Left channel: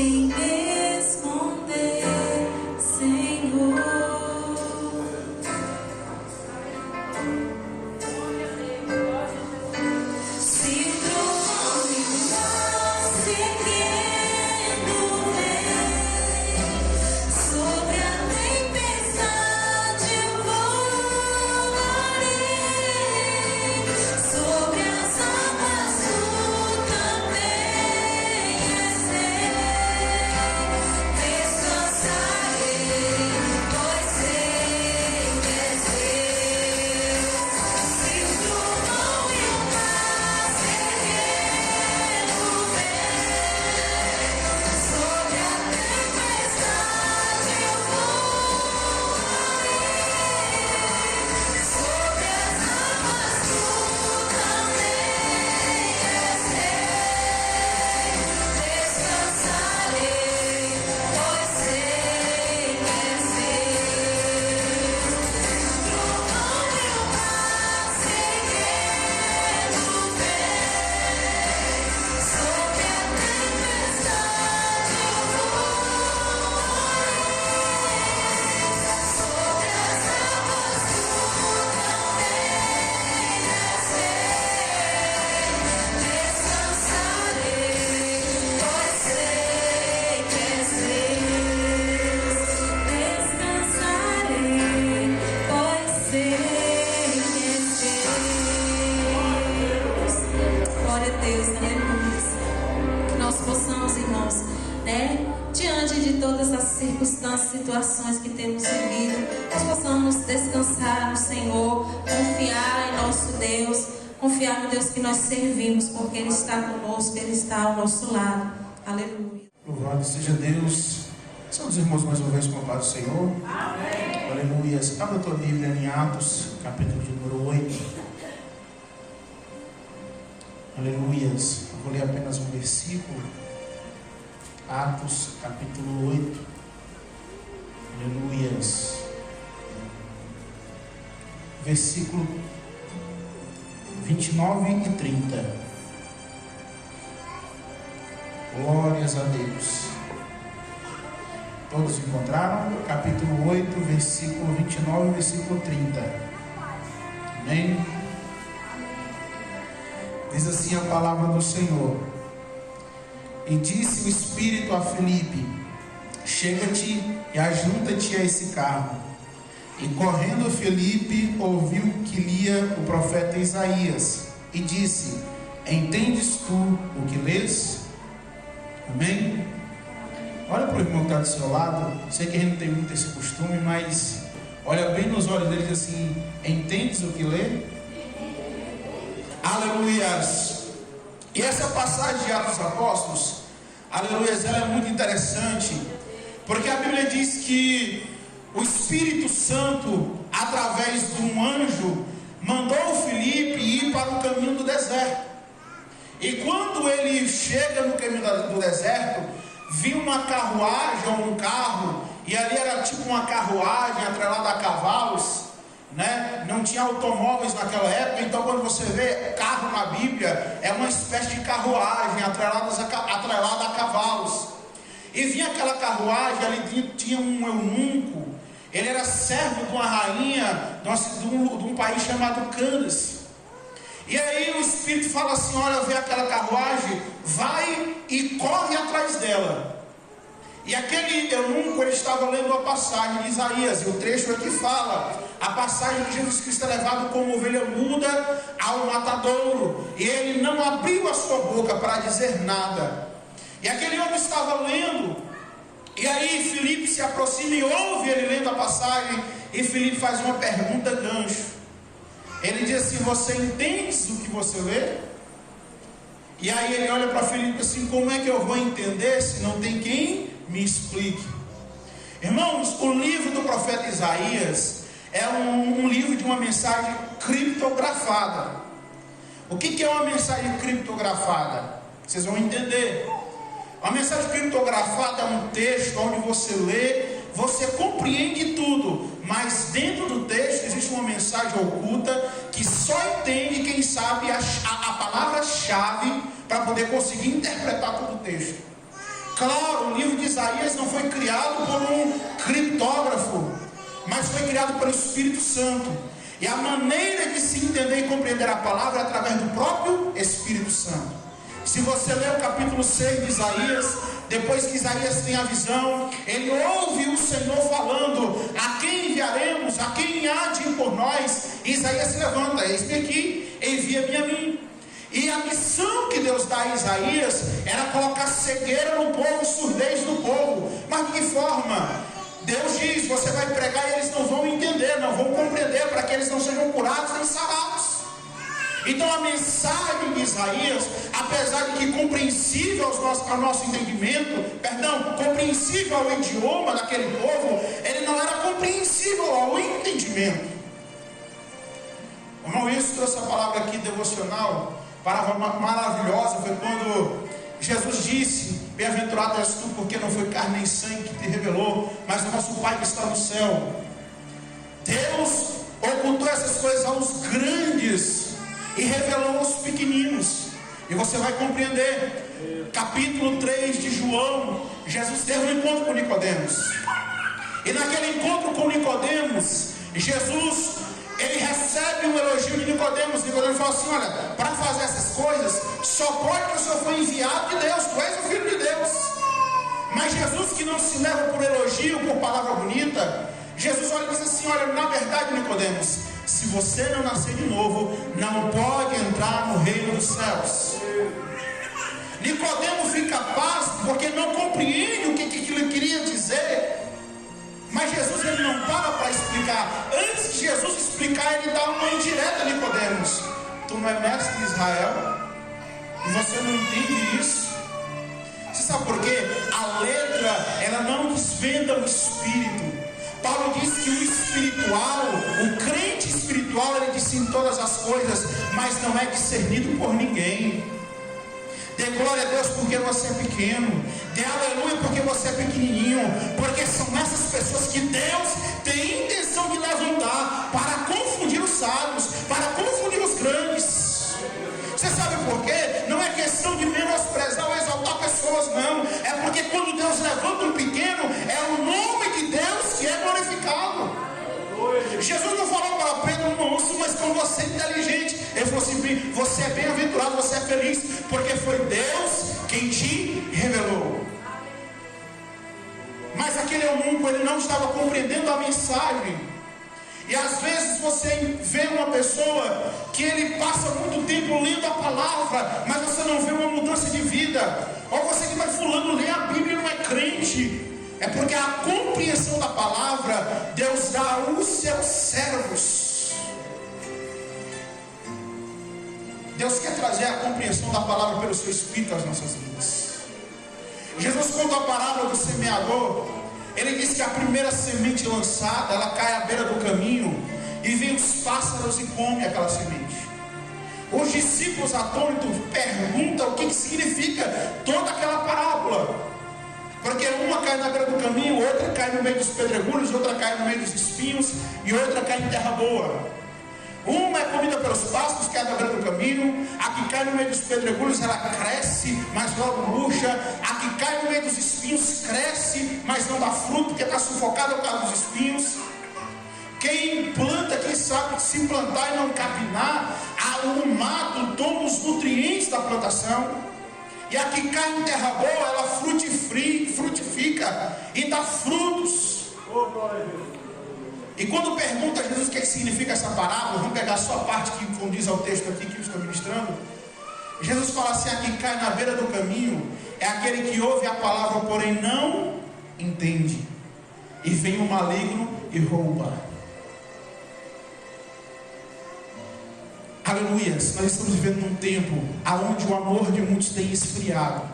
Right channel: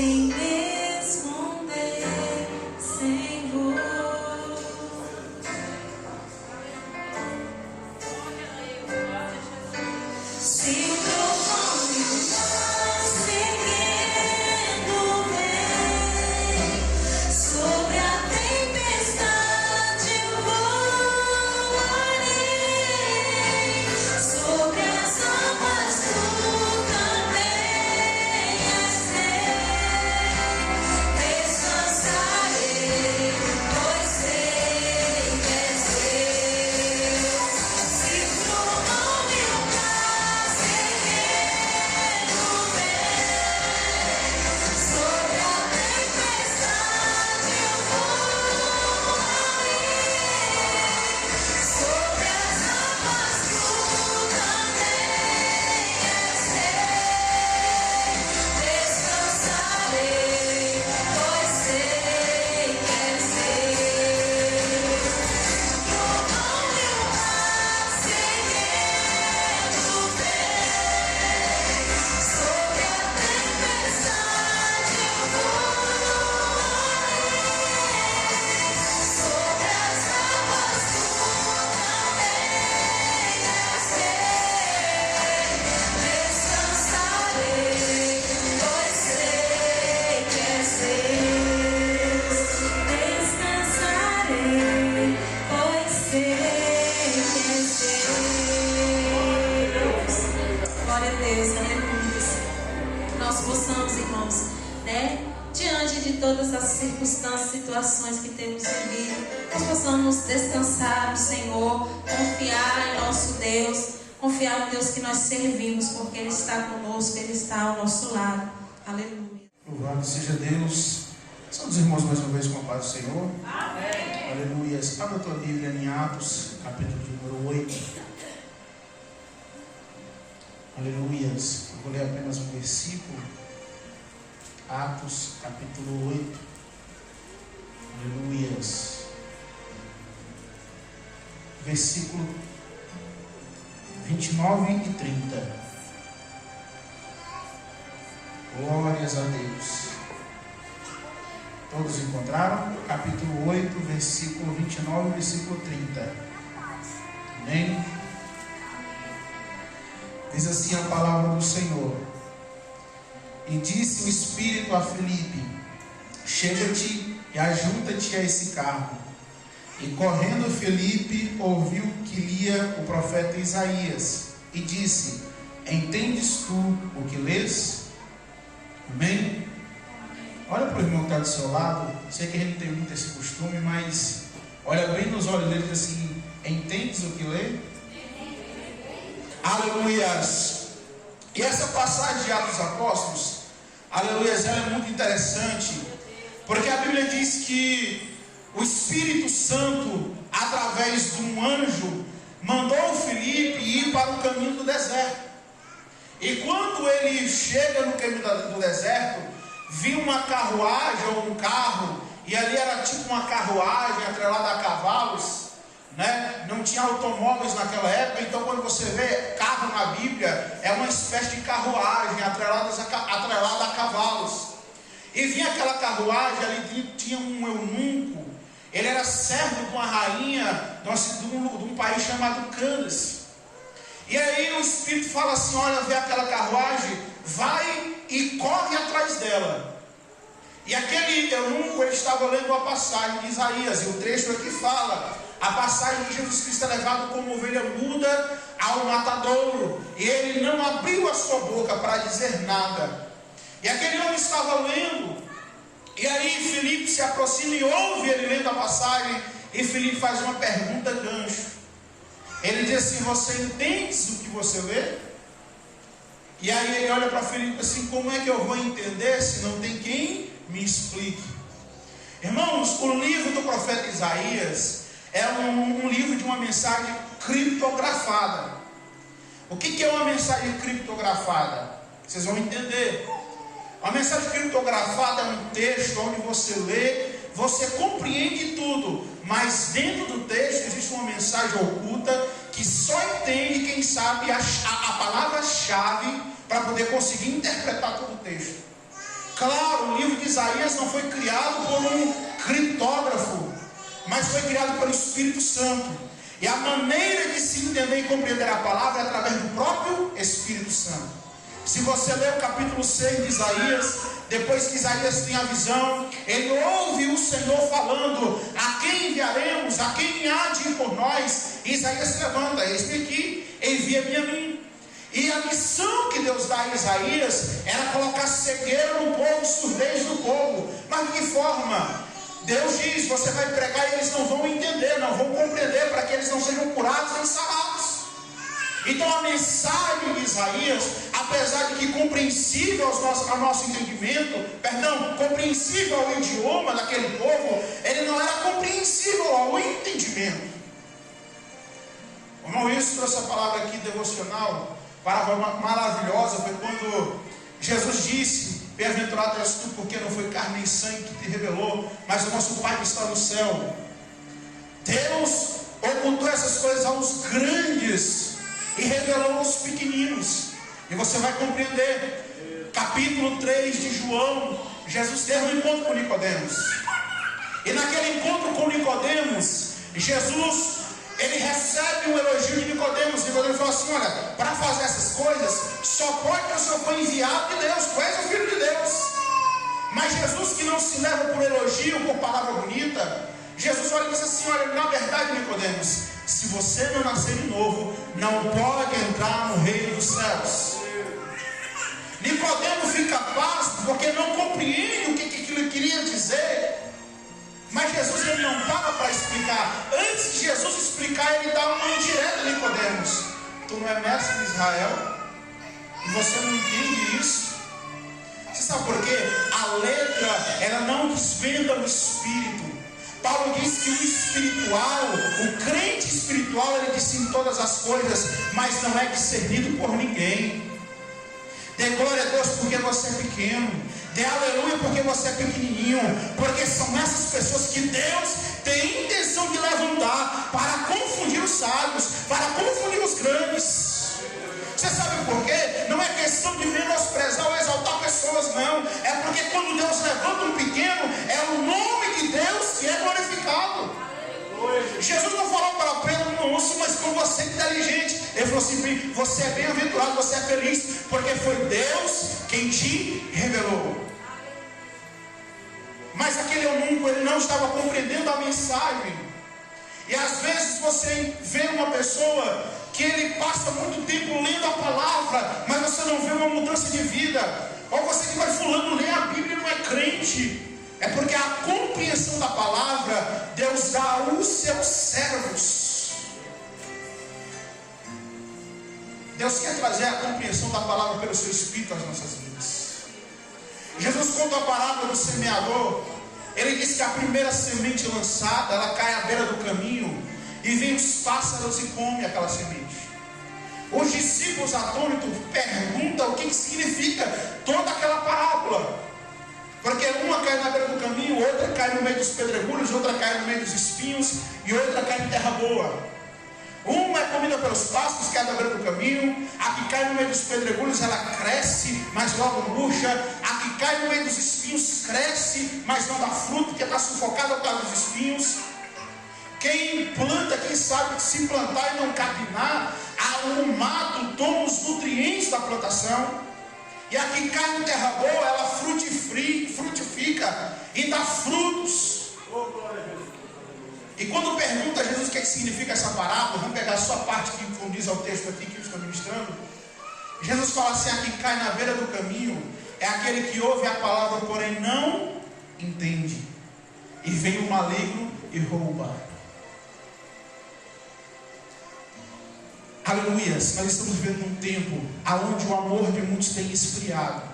sem responder, Senhor. Se trovão e mar seguindo vem, sobre a tempestade voarei, sobre as águas tu caminhas, descansarei, pois sei que és Deus. Se o trovão e o mar seguindo vem, sobre a tempestade eu voarei, sobre as águas tu caminhas, descansarei, pois sei que és Deus. Trovão e o mar seguindo vem, sobre a tempestade eu voarei, sobre as águas tu caminhas, descansarei, pois sei que és Deus. Descansarei, pois sei que és Deus. Glória a Deus, aleluia. Que nós possamos, irmãos, diante de todas as circunstâncias, situações que temos vivido, nós possamos descansar no Senhor, confiar em nosso Deus, confiar no Deus que nós servimos, porque Ele está conosco, Ele está ao nosso lado. Aleluia. Louvado seja Deus. São os irmãos mais uma vez com a paz do Senhor. Amém. Aleluia. Abra a tua Bíblia em Atos, capítulo de número 8. Aleluia. Eu vou ler apenas um versículo. Atos, capítulo 8. Aleluia. Versículo 29 e 30. Glórias a Deus. Todos encontraram? Capítulo 8, versículo 29 e versículo 30. Amém? Diz assim a palavra do Senhor. E disse o Espírito a Filipe: chega-te e ajunta-te a esse carro. E correndo Filipe ouviu que lia o profeta Isaías, e disse: entendes tu o que lês? Amém? Olha para o irmão que está do seu lado. Sei que a gente não tem muito esse costume, mas olha bem nos olhos dele e diz assim: entendes o que lê? Aleluias! E essa passagem de Atos dos Apóstolos, aleluias, ela é muito interessante, porque a Bíblia diz que o Espírito Santo, através de um anjo, mandou o Filipe ir para o caminho do deserto. E quando ele chega no caminho do deserto, viu uma carruagem ou um carro, e ali era tipo uma carruagem atrelada a cavalos, né? Não tinha automóveis naquela época, então quando você vê carro na Bíblia, é uma espécie de carruagem atrelada a cavalos. E vinha aquela carruagem, ali tinha um eunuco, ele era servo de uma rainha de um país chamado Candace. E aí o Espírito fala assim: olha, vê aquela carruagem, vai e corre atrás dela. E aquele eunuco, ele estava lendo a passagem de Isaías, e o trecho aqui fala a passagem de Jesus Cristo é levado como ovelha muda ao matadouro, e ele não abriu a sua boca para dizer nada. E aquele homem estava lendo, e aí Filipe se aproxima e ouve ele lendo a passagem, e Filipe faz uma pergunta gancho. Ele diz assim: você entende o que você lê? E aí ele olha para Filipe assim: como é que eu vou entender se não tem quem me explique? Irmãos, o livro do profeta Isaías é um livro de uma mensagem criptografada. O que é uma mensagem criptografada? Vocês vão entender. A mensagem criptografada é um texto onde você lê, você compreende tudo, mas dentro do texto existe uma mensagem oculta que só entende quem sabe a palavra-chave para poder conseguir interpretar todo o texto. Claro, o Isaías não foi criado por um criptógrafo, mas foi criado pelo Espírito Santo. E a maneira de se entender e compreender a palavra é através do próprio Espírito Santo. Se você ler o capítulo 6 de Isaías, depois que Isaías tem a visão, ele ouve o Senhor falando: a quem enviaremos? A quem há de ir por nós? E Isaías se levanta: eis-me aqui, envia-me a mim. E a missão que Deus dá a Isaías era colocar cegueira no povo, surdez no povo. Mas de que forma? Deus diz: você vai pregar e eles não vão entender, não vão compreender, para que eles não sejam curados nem sarados. Então a mensagem de Isaías, apesar de que compreensível ao nosso entendimento, compreensível ao idioma daquele povo, ele não era compreensível ao entendimento. O irmão Wilson trouxe a palavra aqui devocional, palavra maravilhosa, foi quando Jesus disse: bem-aventurado és tu, porque não foi carne nem sangue que te revelou, mas o nosso Pai que está no céu. Deus ocultou essas coisas aos grandes e revelou aos pequeninos. E você vai compreender. Capítulo 3 de João, Jesus teve um encontro com Nicodemos. E naquele encontro com Nicodemos, Jesus, ele recebe um elogio de Nicodemos. Nicodemos fala assim: olha, para fazer essas coisas, só pode que o Senhor foi enviado de Deus, tu és o Filho de Deus. Mas Jesus, que não se leva por elogio, por palavra bonita, Jesus olha e diz assim: olha, na verdade, Nicodemos, se você não nascer de novo, não pode entrar no reino dos céus. Nicodemo fica pasmo porque não compreende o que ele queria dizer. Mas Jesus, ele não para explicar. Antes de Jesus explicar, ele dá uma indireta a Nicodemos: tu não é mestre de Israel? E você não entende isso? Você sabe por quê? A letra, ela não desvenda o espírito. Paulo diz que o espiritual, o crente espiritual, ele discerne todas as coisas, mas não é discernido por ninguém. Dê glória a Deus porque você é pequeno. Dê aleluia porque você é pequenininho. Porque são essas pessoas que Deus tem intenção de levantar para confundir os sábios, para confundir os grandes. Você sabe por quê? Não é questão de menosprezar ou exaltar pessoas, não. É porque quando Deus levanta um pequeno, é o nome de Deus que é glorificado. Jesus não falou para Pedro: não ouça, mas como você é inteligente. Ele falou assim: você é bem-aventurado, você é feliz, porque foi Deus quem te revelou. Mas aquele eunuco, ele não estava compreendendo a mensagem. E às vezes você vê uma pessoa que ele passa muito tempo lendo a palavra, mas você não vê uma mudança de vida. Ou você diz: mas fulano lê a Bíblia e não é crente. É porque a compreensão da palavra Deus dá aos seus servos. Deus quer trazer a compreensão da palavra pelo seu Espírito às nossas vidas. Jesus conta a parábola do semeador. Ele diz que a primeira semente lançada, ela cai à beira do caminho, e vem os pássaros e comem aquela semente. Os discípulos atônitos perguntam o que significa toda aquela parábola. Porque uma cai na beira do caminho, outra cai no meio dos pedregulhos, outra cai no meio dos espinhos, e outra cai em terra boa. Uma é comida pelos pássaros, que é na beira do caminho. A que cai no meio dos pedregulhos, ela cresce, mas logo murcha. A que cai no meio dos espinhos, cresce, mas não dá fruto, porque está sufocada por causa dos espinhos. Quem planta, quem sabe se plantar e não capinar, o mato toma os nutrientes da plantação. E a que cai em terra boa, ela frutifica e dá frutos. E quando pergunta a Jesus o que significa essa parábola, vamos pegar só a parte que condiz ao texto aqui que eu estou ministrando. Jesus fala assim: a que cai na beira do caminho é aquele que ouve a palavra, porém não entende. E vem o maligno e rouba. Aleluias, nós estamos vivendo num tempo onde o amor de muitos tem esfriado.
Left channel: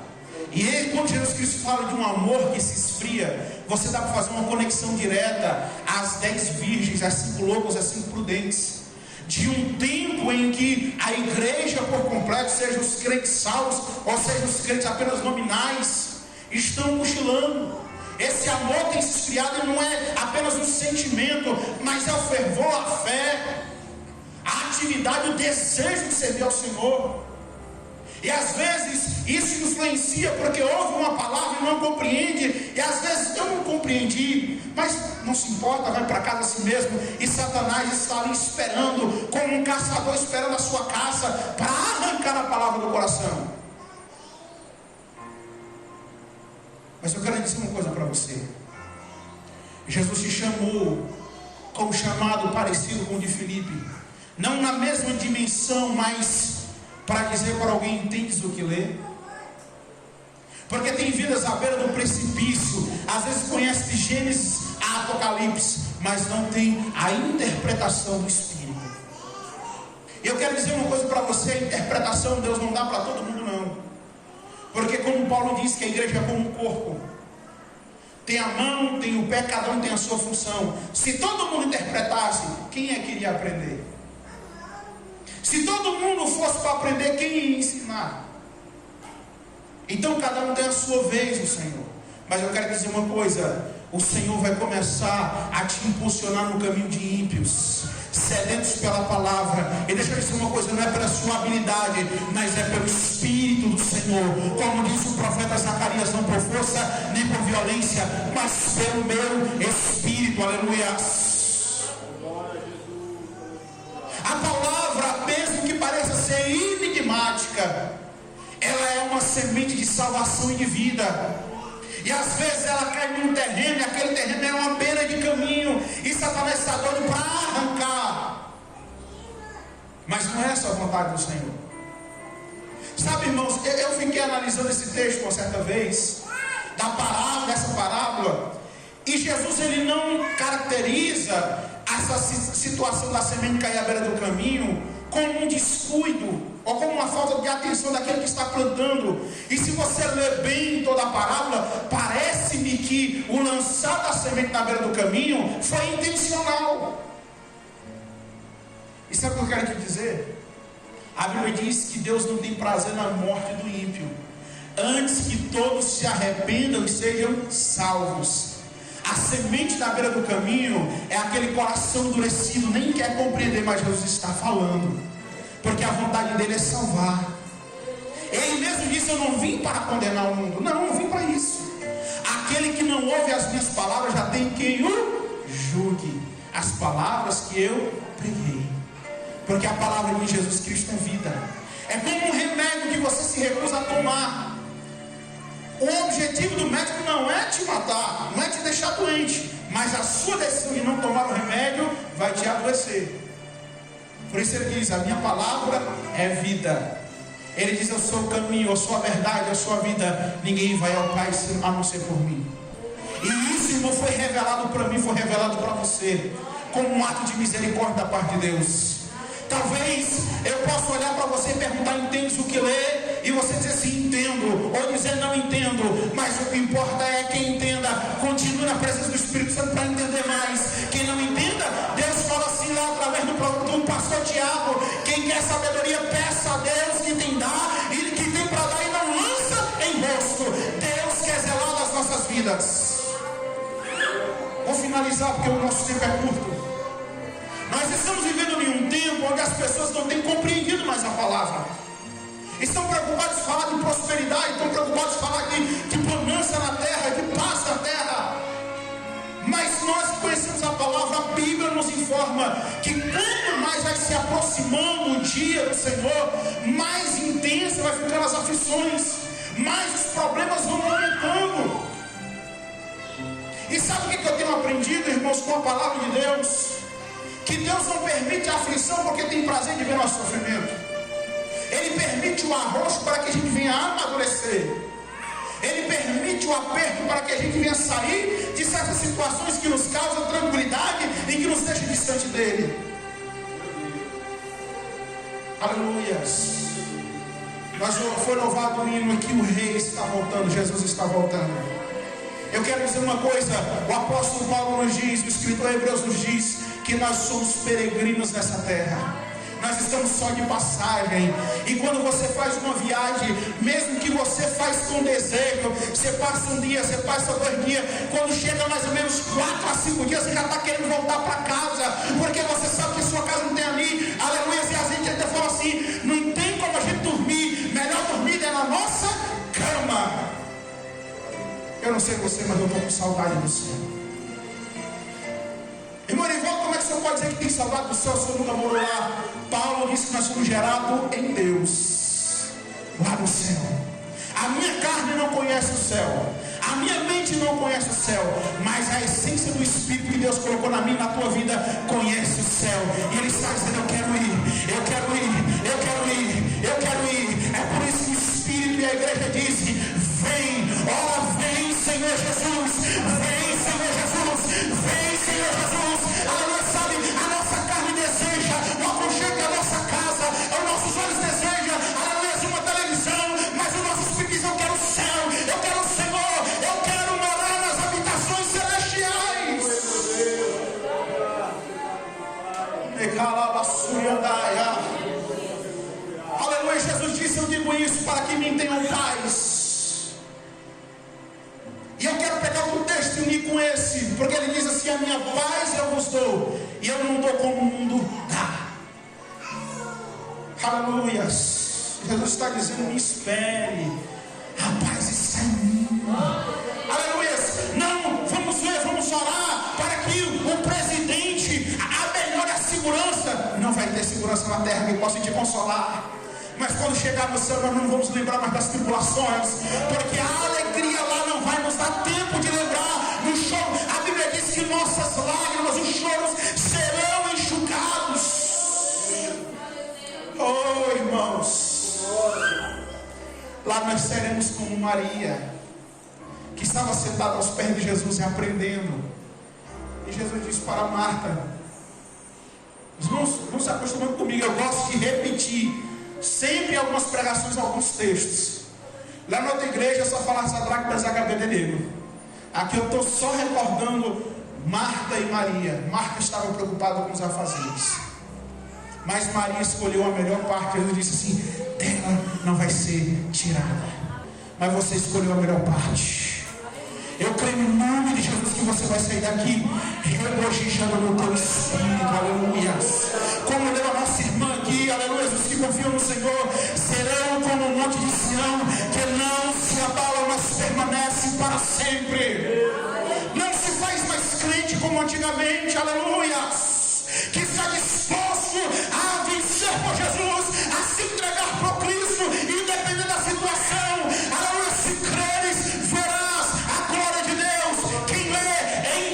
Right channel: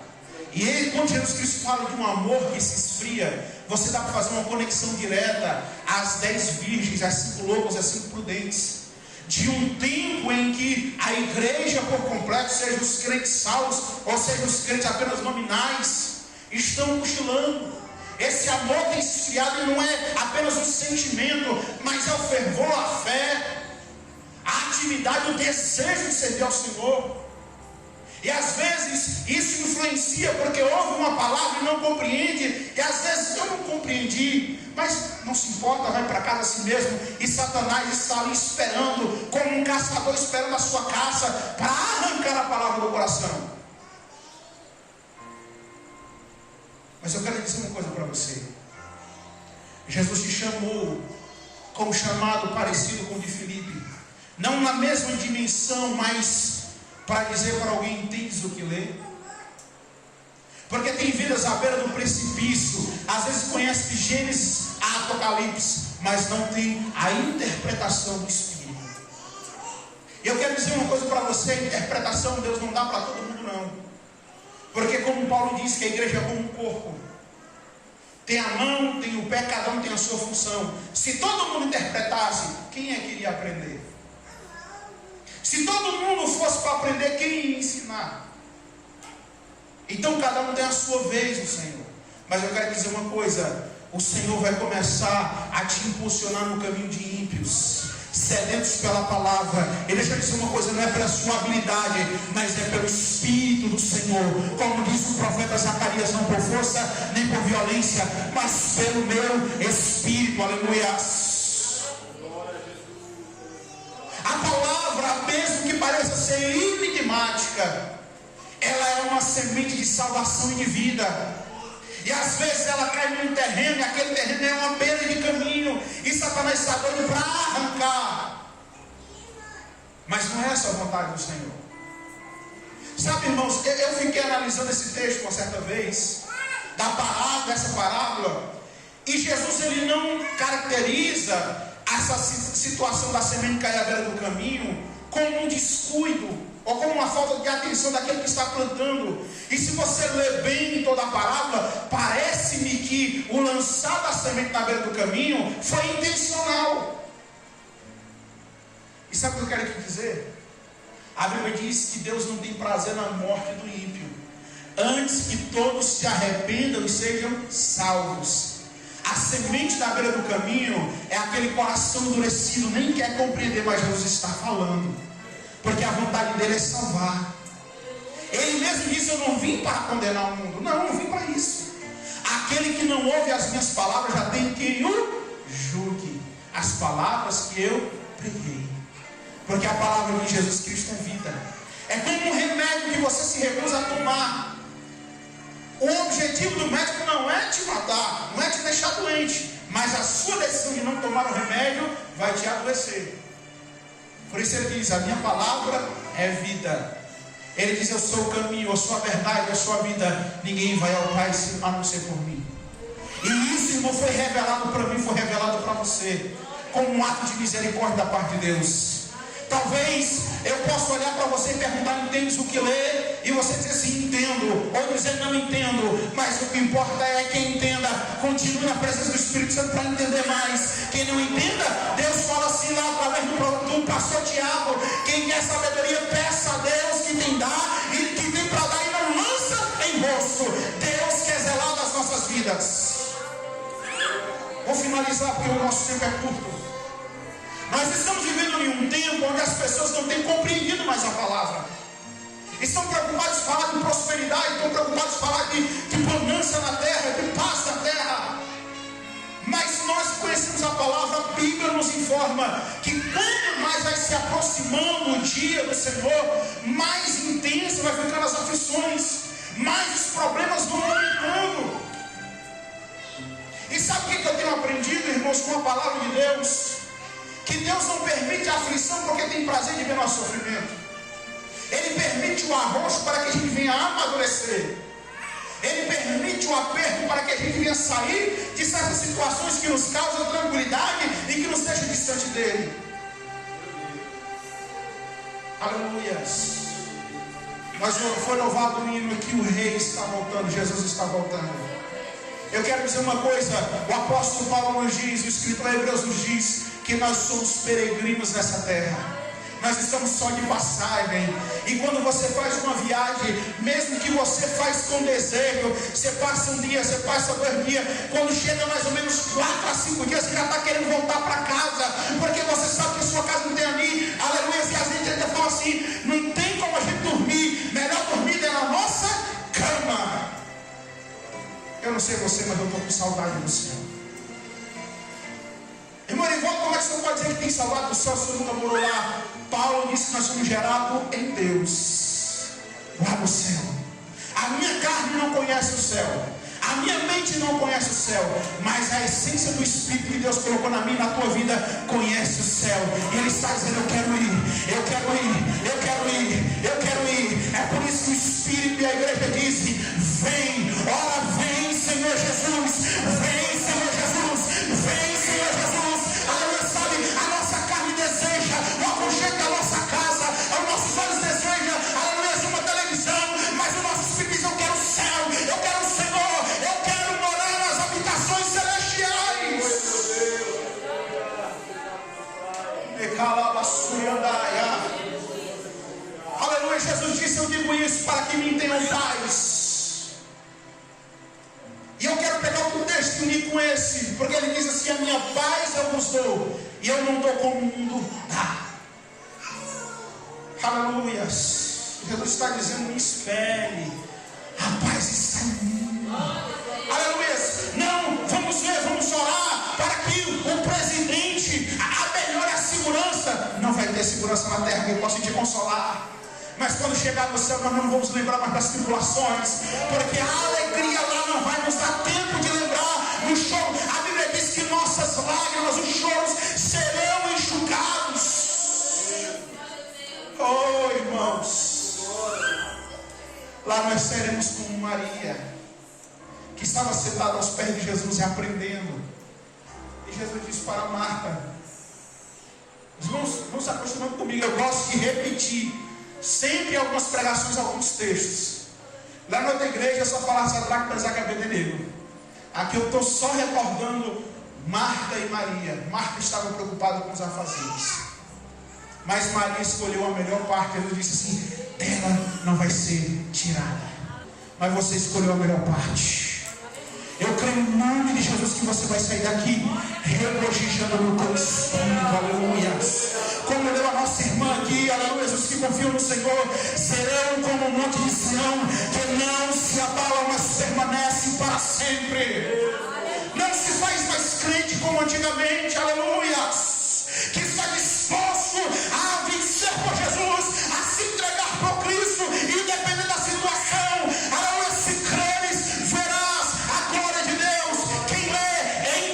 E ele, quando Jesus Cristo fala de um amor que se esfria, você dá para fazer uma conexão direta às 10 virgens, às 5 loucos, às 5 prudentes. De um tempo em que a igreja por completo, seja os crentes salvos, ou seja os crentes apenas nominais, estão cochilando. Esse amor tem se esfriado e não é apenas um sentimento, mas é o fervor, a fé, a atividade, o desejo de servir ao Senhor. E às vezes isso influencia porque ouve uma palavra e não compreende, e repreendi. Mas não se importa, vai para casa assim mesmo. E Satanás está ali esperando, como um caçador esperando a sua caça, para arrancar a palavra do coração. Mas eu quero dizer uma coisa para você. Jesus te chamou com um chamado parecido com o de Filipe. Não na mesma dimensão, mas para dizer para alguém: entendes o que lê? Porque tem vidas à beira do precipício, às vezes conhece de Gênesis a Apocalipse, mas não tem a interpretação do Espírito. E eu quero dizer uma coisa para você: a interpretação Deus não dá para todo mundo não. Porque como Paulo diz que a igreja é como um corpo, tem a mão, tem o pé, cada um tem a sua função. Se todo mundo interpretasse, quem é que iria aprender? Se todo mundo fosse para aprender, quem ia ensinar? Então cada um tem a sua vez no Senhor. Mas eu quero dizer uma coisa: o Senhor vai começar a te impulsionar no caminho de ímpios, sedentos pela palavra. E deixa eu dizer uma coisa: não é pela sua habilidade, mas é pelo Espírito do Senhor. Como diz o profeta Zacarias: não por força nem por violência, mas pelo meu Espírito. Aleluia. A palavra, mesmo que pareça ser enigmática, ela é uma semente de salvação e de vida. E às vezes ela cai num terreno, e aquele terreno é uma beira de caminho, e Satanás está doido para arrancar. Mas não é essa a vontade do Senhor. Sabe, irmãos, eu fiquei analisando esse texto uma certa vez, dessa parábola, e Jesus ele não caracteriza essa situação da semente cair à beira do caminho como um descuido, ou como uma falta de atenção daquele que está plantando. E se você ler bem toda a parábola, parece-me que o lançar da semente na beira do caminho foi intencional. E sabe o que eu quero te dizer? A Bíblia diz que Deus não tem prazer na morte do ímpio, antes que todos se arrependam e sejam salvos. A semente na beira do caminho é aquele coração endurecido, nem quer compreender, mas Jesus está falando, porque a vontade dele é salvar. Ele mesmo disse: eu não vim para condenar o mundo. Não, eu não vim para isso. Aquele que não ouve as minhas palavras já tem quem o julgue. As palavras que eu preguei, porque a palavra de Jesus Cristo é vida. É como um remédio que você se recusa a tomar. O objetivo do médico não é te matar, não é te deixar doente, mas a sua decisão de não tomar o remédio vai te adoecer. Por isso ele diz: a minha palavra é vida. Ele diz: eu sou o caminho, eu sou a verdade, eu sou a vida. Ninguém vai ao Pai a não ser por mim. E isso não foi revelado para mim, foi revelado para você, como um ato de misericórdia da parte de Deus. Talvez eu possa olhar para você e perguntar: entendes o que lê? E você dizer assim: entendo, ou dizer não entendo. Mas o que importa é quem entenda continue na presença do Espírito Santo para entender mais. Quem não entenda, Deus fala assim lá através do pastor Tiago: quem quer sabedoria, peça a Deus que tem dar, e que tem para dar e não lança em rosto. Deus quer zelar das nossas vidas. Vou finalizar porque o nosso tempo é curto. Nós estamos vivendo em um tempo onde as pessoas não têm compreendido mais a palavra. Estão preocupados em falar de prosperidade, estão preocupados em falar de bonança na terra, de paz na terra. Mas nós conhecemos a palavra, a Bíblia nos informa que quanto mais vai se aproximando o dia do Senhor, mais intensa vai ficando as aflições, mais os problemas vão aumentando. E sabe o que eu tenho aprendido, irmãos, com a palavra de Deus? Que Deus não permite a aflição porque tem prazer de ver nosso sofrimento. Ele permite o arroxo para que a gente venha amadurecer. Ele permite o aperto para que a gente venha sair de certas situações que nos causam tranquilidade e que nos deixam distante dele. Aleluia. Foi louvado o hino que o rei está voltando, Jesus está voltando. Eu quero dizer uma coisa: o apóstolo Paulo nos diz, o escritor Hebreus nos diz, que nós somos peregrinos nessa terra. Nós estamos só de passagem. E quando você faz uma viagem, mesmo que você faz com desejo, você passa um dia, você passa 2 dias, quando chega mais ou menos 4 a 5 dias, você já está querendo voltar para casa, porque você sabe que a sua casa não tem ali. Aleluia. E a gente ainda fala assim: não tem como a gente dormir, melhor dormir é na nossa cama. Eu não sei você, mas eu estou com saudade do céu. Irmão Erivaldo, como é que você pode dizer que tem saudade do céu se você nunca morou lá? Paulo disse que nós somos gerados em Deus, lá no céu. A minha carne não conhece o céu, a minha mente não conhece o céu, mas a essência do Espírito que Deus colocou na minha e na tua vida conhece o céu. E Ele está dizendo: eu quero ir, eu quero ir, eu quero ir, eu quero ir. É por isso que o Espírito e a igreja dizem: vem, ora vem, Senhor Jesus, vem, Senhor Jesus, vem, Senhor Jesus. A nossa carne deseja o aconchego da nossa casa, os nossos olhos desejam, aleluia, uma televisão, mas o nosso Espírito diz: eu quero o céu, eu quero o Senhor, eu quero morar nas habitações celestiais. Aleluia, Jesus disse: eu digo isso para que me tenham paz. E eu quero pegar outro texto e unir com esse, porque ele diz assim: a minha paz eu vos dou, e eu não dou como o mundo dá. Aleluia. Jesus está dizendo: não espere, a paz está em mim. Aleluia. Não, vamos ler, vamos orar para que o presidente melhore a segurança. Não vai ter segurança na terra que eu possa te consolar. Mas quando chegar no céu, nós não vamos lembrar mais das tribulações, porque a alegria lá não vai nos dar tempo de lembrar no choro. A Bíblia diz que nossas lágrimas, os choros serão enxugados. Oh, irmãos, lá nós seremos como Maria, que estava sentada aos pés de Jesus e aprendendo. E Jesus disse para Marta: não se acostumando comigo, eu gosto de repetir sempre algumas pregações, alguns textos. Lá na outra igreja só falava Sadraque, Mesaque e Abednego. Aqui eu estou só recordando Marta e Maria. Marta estava preocupada com os afazeres, mas Maria escolheu a melhor parte. Ele disse assim: dela não vai ser tirada, mas você escolheu a melhor parte. Eu creio no nome de Jesus que você vai sair daqui regozijando no teu espírito, aleluia. Como leu a nossa irmã aqui, aleluia, os que confiam no Senhor serão como o monte de Sião, que não se abalam, mas permanecem para sempre. Não se faz mais crente como antigamente, aleluia, que está disposto a vencer por Jesus, a se entregar por Cristo, independente da situação. Aleluia, se creres, verás a glória de Deus. Quem lê,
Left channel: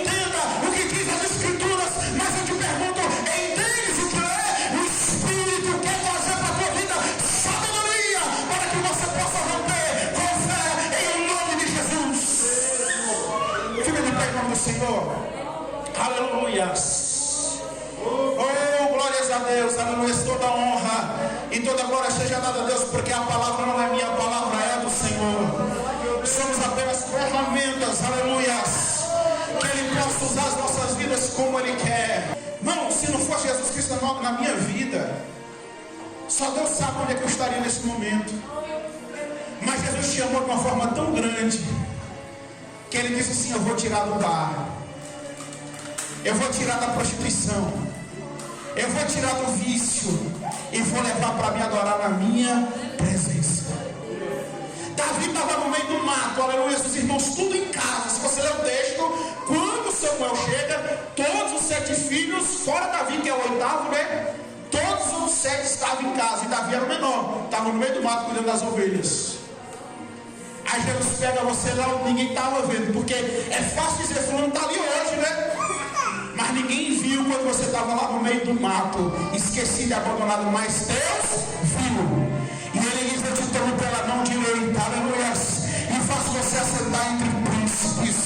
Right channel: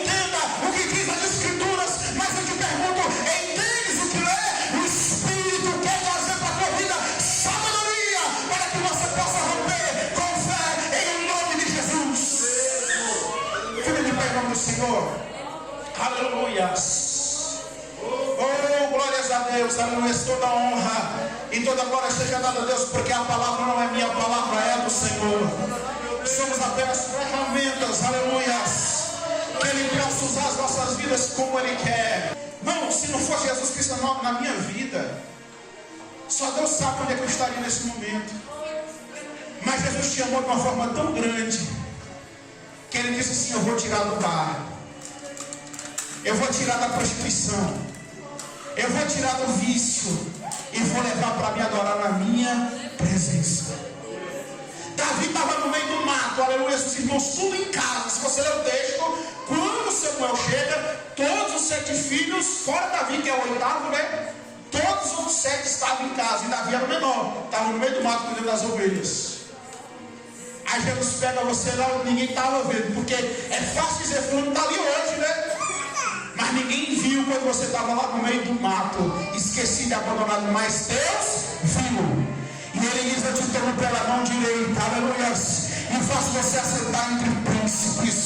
entenda o que diz as Escrituras, mas eu te pergunto: entendes o que lê? O Espírito quer fazer para a tua vida sabedoria, para que você possa romper com fé em nome de Jesus. Fica de pé em nome do Senhor. Aleluia. Oh, glórias a Deus, aleluia. Toda honra e toda glória seja dada a Deus, porque a palavra não é minha, a palavra é do Senhor. Somos apenas ferramentas, aleluia, que Ele possa usar as nossas vidas como Ele quer. Não, se não for Jesus Cristo na minha vida, só Deus sabe onde é que eu estaria nesse momento. Mas Jesus te amou de uma forma tão grande que Ele disse assim: eu vou tirar do bar, eu vou tirar da prostituição, eu vou tirar do vício e vou levar para me adorar na minha presença. Davi estava no meio do mato, aleluia, os irmãos tudo em casa. Se você ler o texto, quando Samuel chega, todos os 7 filhos, fora Davi que é o 8º, né? Todos os 7 estavam em casa, e Davi era o menor, estava no meio do mato cuidando das ovelhas. Aí Jesus pega você lá, ninguém estava vendo, porque é fácil dizer: fulano está ali hoje, né? Mas ninguém viu quando você estava lá no meio do mato, esquecido e abandonado, mas Deus viu. E Ele diz: eu te tomo pela mão direita, aleluia, e faço você assentar entre príncipes,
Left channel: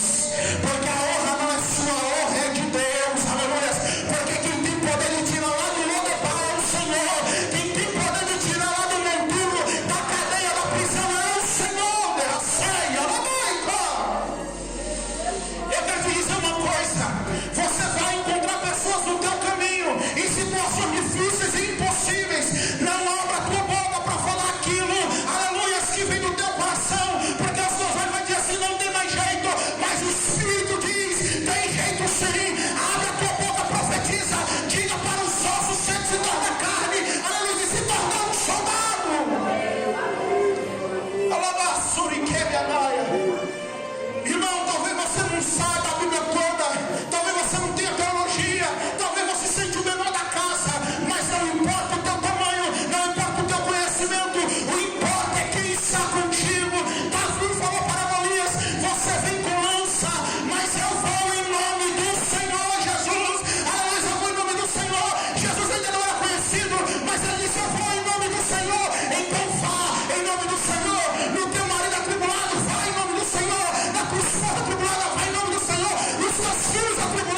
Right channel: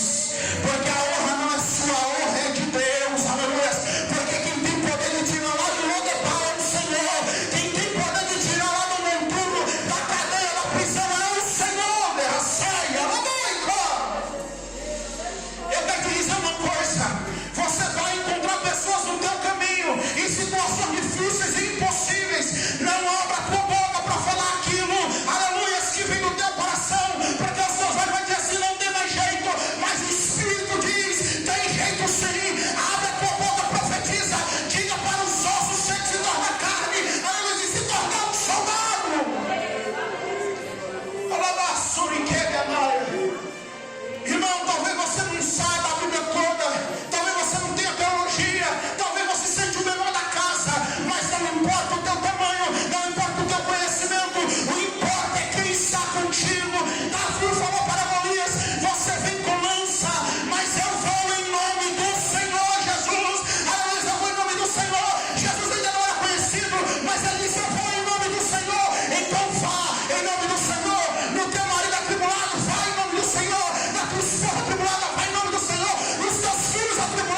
porque a honra não é sua, a honra é de Deus, aleluia. Porque quem tem poder de tirar lá de Lodebar é o Senhor, quem tem poder de tirar lá do monturo, da cadeia, da prisão é o Senhor. Saia, eu quero te dizer uma coisa: você vai encontrar pessoas no teu caminho em situações difíceis e impossíveis. Não abra a tua boca para falar aquilo, aleluia, que vem do teu coração, porque os teus olhos vão dizer assim: não tem mais atribulada, vai em nome do Senhor. E os teus filhos atribulados,